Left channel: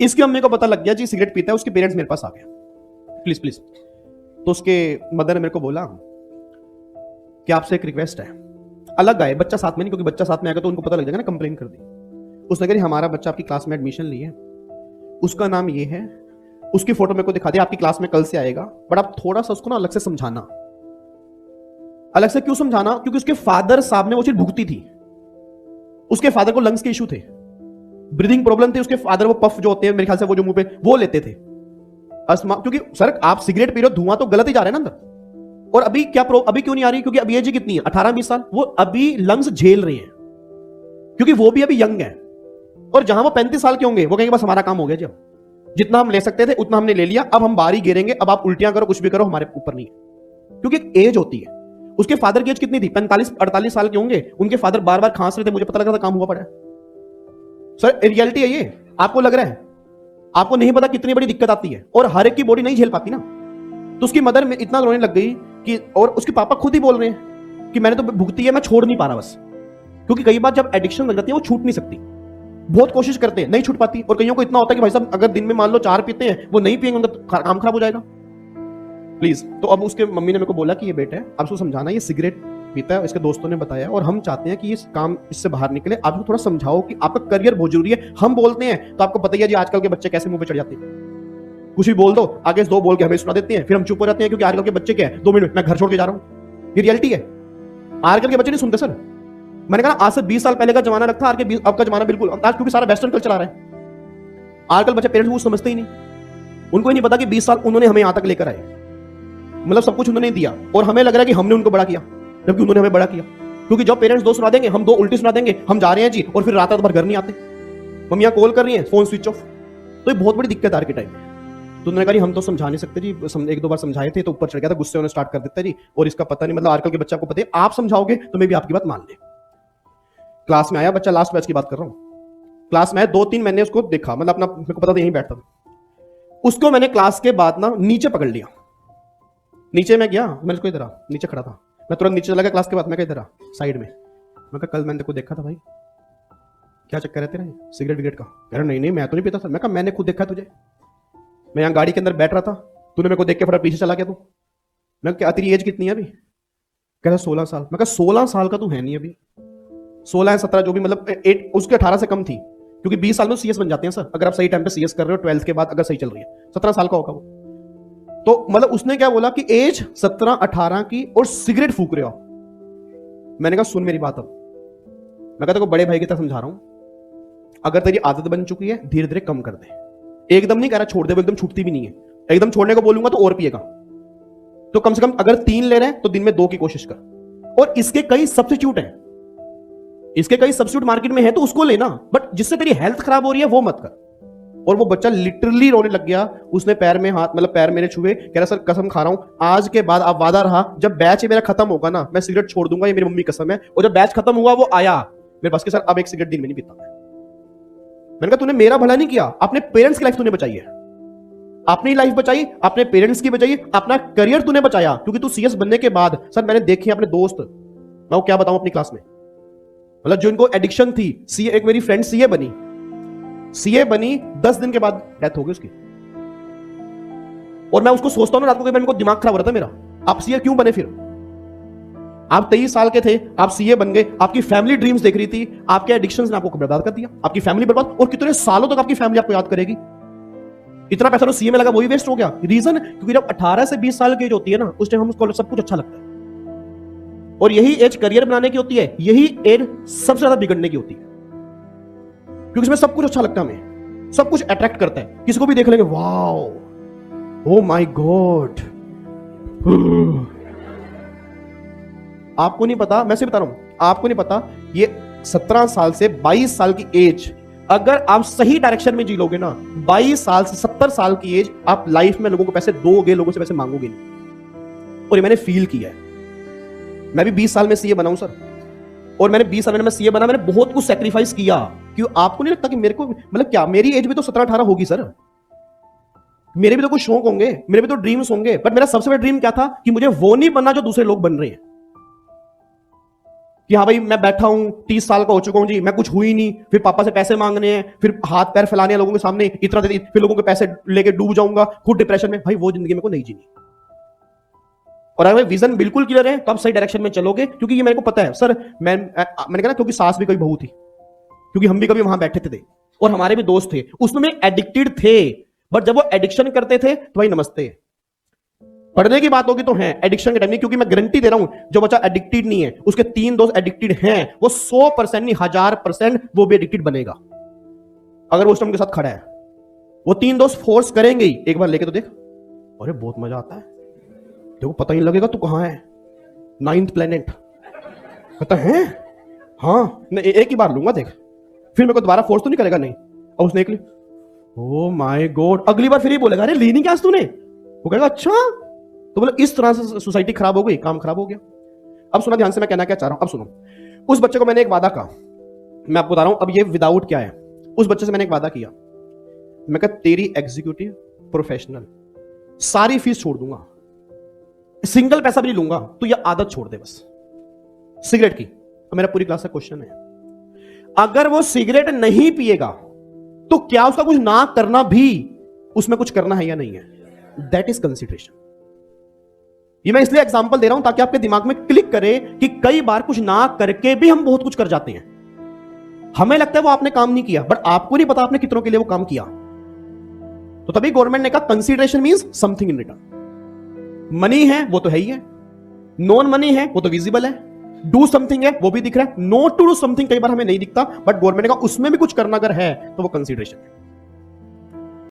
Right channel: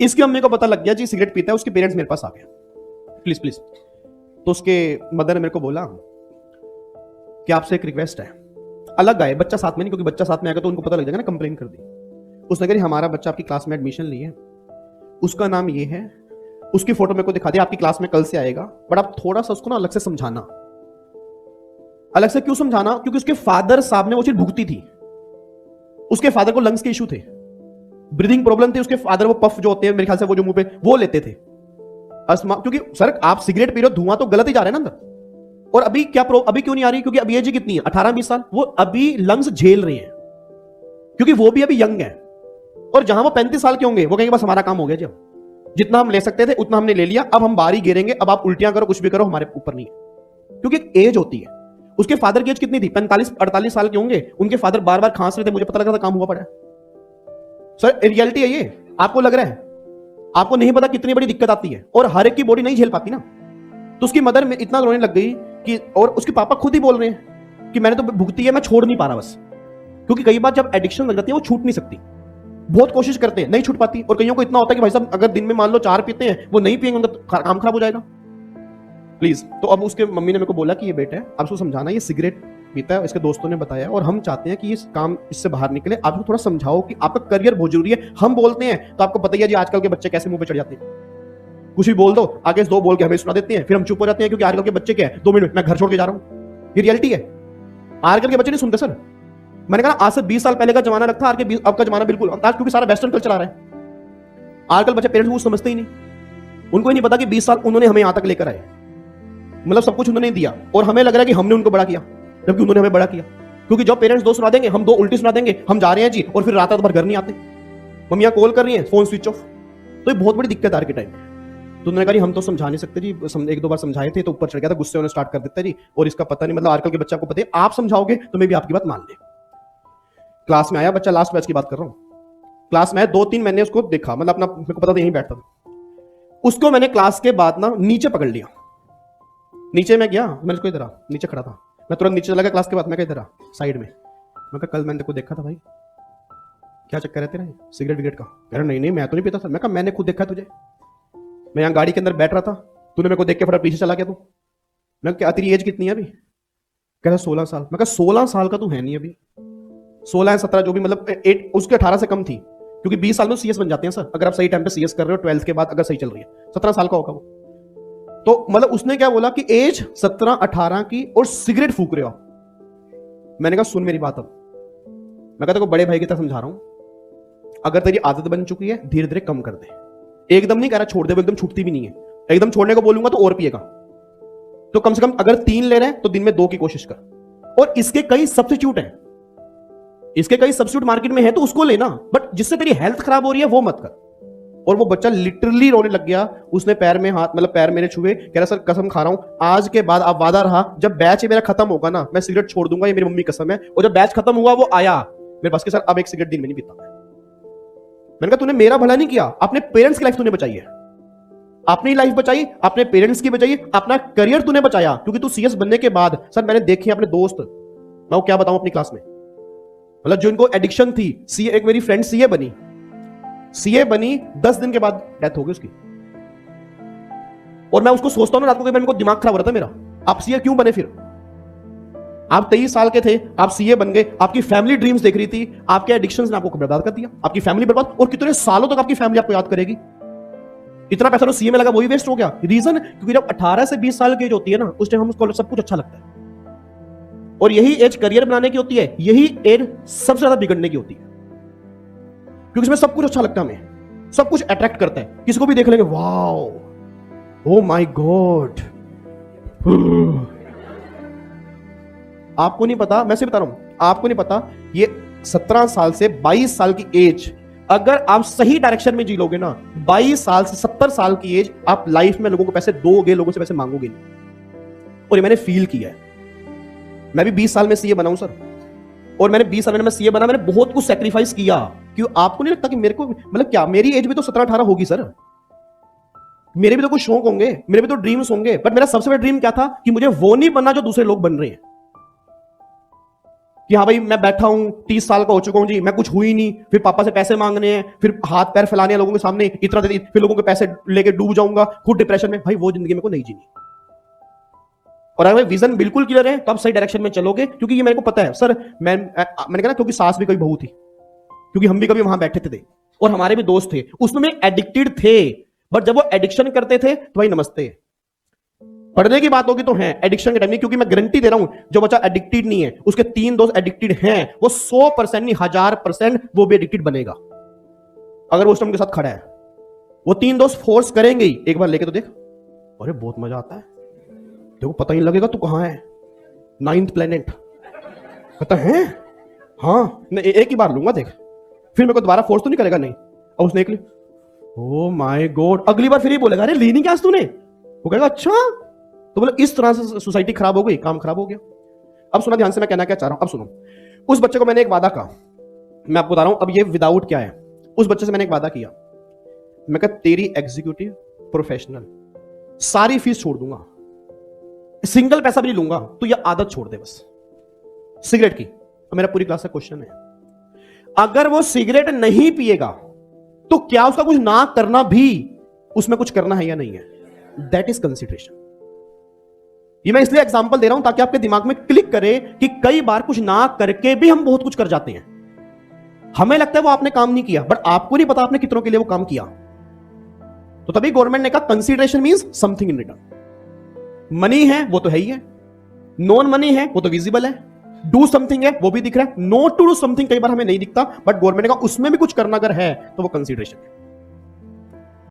इसकी अम्मी को पता लग गया जी सिगरेट पीता है, उसके पेरेंट्स मेरे पास आ गए, प्लीज प्लीज। तो उसके मदर ने मेरे को बोला कि आपसे एक रिक्वेस्ट है, अलग आए, बच्चा साथ में नहीं, क्योंकि बच्चा साथ में आएगा तो उनको पता लग जाएगा ना, कंप्लेन कर दी। उसने कहा हमारा बच्चा आपकी क्लास में एडमिशन लिए, उसका नाम ये है, उसकी फोटो मेरे को दिखा दी, आपकी क्लास में कल से आएगा, बट आप थोड़ा सा उसको ना अलग से समझाना। अलग से क्यों समझाना? क्योंकि उसके फादर साहब ने वो चीज भुगती थी। उसके फादर को लंग्स के इशू थे, ब्रीदिंग प्रॉब्लम थी, उसके फादर को पफ जो होते हैं मेरे ख्याल से वो जो मुंह पे वो लेते थे, अस्थमा। क्योंकि सर आप सिगरेट पी रहे हो, धुआं तो गलत ही जा रहा है ना अंदर। और अभी क्या अभी क्यों नहीं आ रही? क्योंकि अभी एज कितनी है, 18-20 साल, वो अभी लंग्स झेल रहे हैं, क्योंकि वो भी अभी यंग है। और जहां वो 35 साल के होंगे वो कहेंगे बस हमारा काम हो गया, जब जितना हम ले सकते थे उतना हमने ले लिया, अब हम बाहर ही गिरेंगे, अब आप उल्टियां करो कुछ भी करो हमारे ऊपर नहीं है। क्योंकि एज होती है। उसके फादर की एज कितनी थी? 45-48 साल के होंगे, उनके फादर बार बार खांस रहे थे, मुझे पता लगा था काम हुआ पड़ा है। सर रियलिटी है ये, आपको लग रहा है, आपको नहीं पता कितनी बड़ी दिक्कत आती है, और हर एक की बॉडी नहीं झेल पाती ना। तो उसकी मदर में इतना रोने लग गई कि, और उसके पापा खुद ही बोल रहे हैं कि मैंने तो भुगती है, मैं छोड़ नहीं पा रहा बस। क्योंकि कई बार जब एडिक्शन लग जाती है वो छूट नहीं सकती, बहुत कोशिश करते हैं नहीं छूट पाती। और कईयों को इतना होता है कि भाई साहब अगर दिन में मान लो 4 पीते हैं, वो नहीं पिएंगे तो काम खराब हो जाएगा। प्लीज। तो अब उसके मम्मी ने मेरे को बोला कि ये बेटा है, अब उसको समझाना, ये सिगरेट पीता है, इसके दोस्तों ने बताया, और हम चाहते हैं कि ये काम इससे बाहर निकले। आप थोड़ा समझाओ कि आपका करियर बहुत जरूरी है। हम बोलते हैं तो आपको पता ही है जी आजकल के बच्चे कैसे मुंह पे चढ़ जाते हैं, कुछ भी बोल दो आगे से 2 बोल के हमें सुना देते हैं, फिर हम चुप हो जाते हैं, क्योंकि आजकल के बच्चे क्या है, 2 मिनट मैं घर छोड़ के जा रहा हूं। ये रियलिटी है, आजकल के बच्चे नहीं सुनते। सर मैंने कहा आज से 20 साल पहले का जमाना रखा, आज के अब का जमाना बिल्कुल, आज क्योंकि सारा वेस्टर्न कल्चर आ रहा है। आजकल बच्चे पेरेंट्स को समझते ही नहीं, उनको ही नहीं पता कि 20 साल उन्होंने हमें यहां तक लेकर आए, मतलब सब कुछ उन्होंने दिया, और हमें लग रहा है कि हमने उनको बड़ा किया, जबकि उन्होंने हमें बड़ा किया। क्योंकि जब पेरेंट्स 2 सुना देंगे, हम 2 उल्टी सुना देंगे, हम जा रहे हैं जी, और फिर रात भर घर नहीं आते, मम्मियां कॉल कर रही हैं, फोन स्विच ऑफ। तो ये बहुत बड़ी दिक्कत आ रही टाइम में। तो उन्होंने कहा हम तो समझा नहीं सकते जी, 1-2 बार समझाए थे तो ऊपर चढ़ गया था, गुस्से होने स्टार्ट कर देता जी, और इसका पता नहीं, मतलब आजकल के बच्चा को पता है, आप समझाओगे तो मैं भी आपकी बात मान ले। क्लास में आया बच्चा, लास्ट बैच की बात कर रहा हूँ, क्लास में 2-3 मैंने उसको देखा, मतलब अपना मेरे को पता था यहीं बैठता था, उसको मैंने क्लास के बाद ना नीचे पकड़ लिया। नीचे मैं गया, मैं उसको इधर नीचे खड़ा था, मैं तुरंत नीचे चला गया क्लास के बाद, मैं इधर साइड में, मैं कल मैंने तेको देखा था भाई, क्या चक्कर है तेरा सिगरेट विगरेट का? कह रहा नहीं मैं तो नहीं पीता सर। मैं कहा मैंने खुद देखा तुझे, मैं यहाँ गाड़ी के अंदर बैठ रहा था, तूने मेरे को देख के फटाफट पीछे चला गया। तू मैं क्या तेरी एज कितनी है अभी? कह रहा 16 साल। मैं कहा 16 साल का तू है नहीं अभी, 16 है 17 जो भी, मतलब 8 उसके 18 से कम थी, क्योंकि 20 साल में सीएस बन जाते हैं सर, अगर आप सही टाइम पे सीएस कर रहे हो 12th के बाद, अगर सही चल रही है 17 साल का होगा वो। तो मतलब उसने क्या बोला कि एज 17-18 की और सिगरेट फूक रहे हो। मैंने कहा सुन मेरी बात, अब मैं कहता को बड़े भाई की तरह समझा रहा हूं, अगर तेरी आदत बन चुकी है धीरे धीरे कम कर दे, एकदम नहीं कह रहा छोड़ दे, वो एकदम छूटती भी नहीं है, एकदम छोड़ने को बोलूंगा तो और पिएगा। तो कम से कम अगर 3 ले रहे हैं तो दिन में 2 की कोशिश कर। और इसके कई सब्स्टिट्यूट है, इसके कई सब्स्टिट्यूट मार्केट में है, तो उसको लेना, बट जिससे तेरी हेल्थ खराब हो रही है वो मत कर। और वो बच्चा लिटरली रोने लग गया, उसने पैर में हाथ, मतलब पैर मेरे छुए, कह रहा सर कसम खा रहा हूं आज के बाद, अब वादा रहा जब बैच मेरा खत्म होगा ना मैं सिगरेट छोड़ दूंगा, ये मेरी मम्मी कसम है। और जब बैच खत्म हुआ वो आया मेरे पास के, सर अब एक सिगरेट दिन में नहीं पीता। मैंने कहा तूने मेरा भला नहीं किया, अपने पेरेंट्स की लाइफ तूने बचाई है, अपनी लाइफ बचाई, अपने पेरेंट्स की बचाई, अपना करियर तूने बचाया। क्योंकि तू सीएस बनने के बाद सर मैंने देखे अपने दोस्त, मैं क्या बताऊं अपनी क्लास में, मतलब जो इनको एडिक्शन थी, सीए, एक मेरी फ्रेंड सीए बनी 10 दिन के बाद डेथ हो गई उसकी। और मैं उसको सोचता हूं ना, आपको इनको दिमाग खराब रहता मेरा, आप सीए क्यों बने? फिर आप 23 साल के थे, आप सीए बन गए, आपकी फैमिली ड्रीम्स देख रही थी, आपके एडिक्शंस ने आपको बर्बाद कर दिया, आपकी फैमिली बर्बाद, और कितने सालों तक आपकी फैमिली आपको याद करेगी। इतना पैसा तो सीए में लगा वही वेस्ट हो गया। रीजन क्योंकि जब 18 से 20 साल की एज होती है ना, उस टाइम हमको सब कुछ अच्छा लगता है, और यही एज करियर बनाने की होती है, यही एज सबसे ज्यादा बिगड़ने की होती है, क्योंकि इसमें सब कुछ अच्छा लगता है, हमें सब कुछ अट्रैक्ट करता है, किसी को भी देख लेंगे वाओ ओ माय गॉड। आपको नहीं पता, मैं से बता रहा हूं, आपको नहीं पता, ये 17 साल से 22 साल की एज अगर आप सही डायरेक्शन में जी लोगे ना, 22 साल से 70 साल की एज आप लाइफ में लोगों को पैसे दोगे, लोगों से पैसे मांगोगे नहीं। और ये मैंने फील किया है, मैं भी 20 साल में सीए बना हूं सर, और मैंने 20 साल में सीए बना, मैंने बहुत कुछ सैक्रिफाइस किया। क्यों आपको नहीं लगता कि मेरे को, मतलब क्या मेरी एज भी तो 17-18 होगी सर, मेरे भी तो कुछ शौक होंगे, मेरे भी तो ड्रीम्स होंगे, बट मेरा सबसे बड़ा ड्रीम क्या था कि मुझे वो नहीं बनना जो दूसरे लोग बन रहे हैं। कि हाँ भाई मैं बैठा हूं 30 साल का हो चुका हूं जी, मैं कुछ हुई नहीं, फिर पापा से पैसे मांगने हैं, फिर हाथ पैर फैलाने हैं लोगों के सामने, इतना दे फिर लोगों के पैसे लेके डूब जाऊंगा खुद डिप्रेशन में। भाई वो जिंदगी मेरे को नहीं जीनी। और हमें विजन बिल्कुल क्लियर है, कब सही डायरेक्शन में चलोगे, क्योंकि ये मेरे को पता है सर। मैंने कहा ना, क्योंकि सास भी कोई बहू थी, क्योंकि हम भी कभी वहां बैठे थे और हमारे भी दोस्त थे, उसमें एडिक्टेड थे, बट जब वो एडिक्शन करते थे तो भाई नमस्ते। पढ़ने की बात होगी तो है एडिक्शन का डरनी, क्योंकि मैं गारंटी दे रहा हूं जो बच्चा एडिक्टेड नहीं है उसके 3 दोस्त एडिक्टेड है, वो 100% नहीं 1000% वो भी एडिक्टेड बनेगा अगर वो उस टाइम के साथ खड़ा है। वो 3 दोस्त फोर्स करेंगे ही, एक बार लेके तो देख, अरे बहुत मजा आता है, देखो पता ही लगेगा तू कहां है, 9th प्लैनेट पता है। हाँ मैं एक ही बार लूंगा देख, फिर मेरे को दोबारा फोर्स तो नहीं करेगा नहीं। और उसने एक ले, ओ माय गॉड, अगली बार फिर ही बोलेगा अरे ली नहीं क्या तूने, वो कहेगा अच्छा, तो मतलब इस तरह से सोसाइटी खराब हो गई, काम खराब हो गया। अब सुनो ध्यान से मैं कहना क्या चाह रहा हूं, अब सुनो। उस बच्चे को मैंने एक वादा कहा, मैं आपको बता रहा हूं, अब ये विदाउट क्या है। उस बच्चे से मैंने एक वादा किया, मैं कहा तेरी एग्जीक्यूटिव प्रोफेशनल सारी फीस छोड़ दूंगा, सिंगल पैसा भी नहीं लूंगा, तो ये आदत छोड़ दे बस सिगरेट की। मेरा पूरी क्लास से क्वेश्चन है, अगर वो सिगरेट नहीं पिएगा तो क्या उसका कुछ ना करना भी उसमें कुछ करना है या नहीं है? That is consideration. ये मैं इसलिए एग्जांपल दे रहा हूं ताकि आपके दिमाग में क्लिक करे कि कई बार कुछ ना करके भी हम बहुत कुछ कर जाते हैं। हमें लगता है वो आपने काम नहीं किया, पर आपको नहीं पता आपने कितनों के लिए वो काम किया। तो तभी गवर्नमेंट ने कहा consideration means something in return. Money है वो तो है ही है, नॉन मनी है वो तो विजिबल है, डू समथिंग है वो भी दिख रहा है, नॉट टू डू समथिंग कई बार हमें नहीं दिखता, बट गवर्नमेंट ने कहा उसमें भी कुछ करना अगर है तो वो कंसिडरेशन।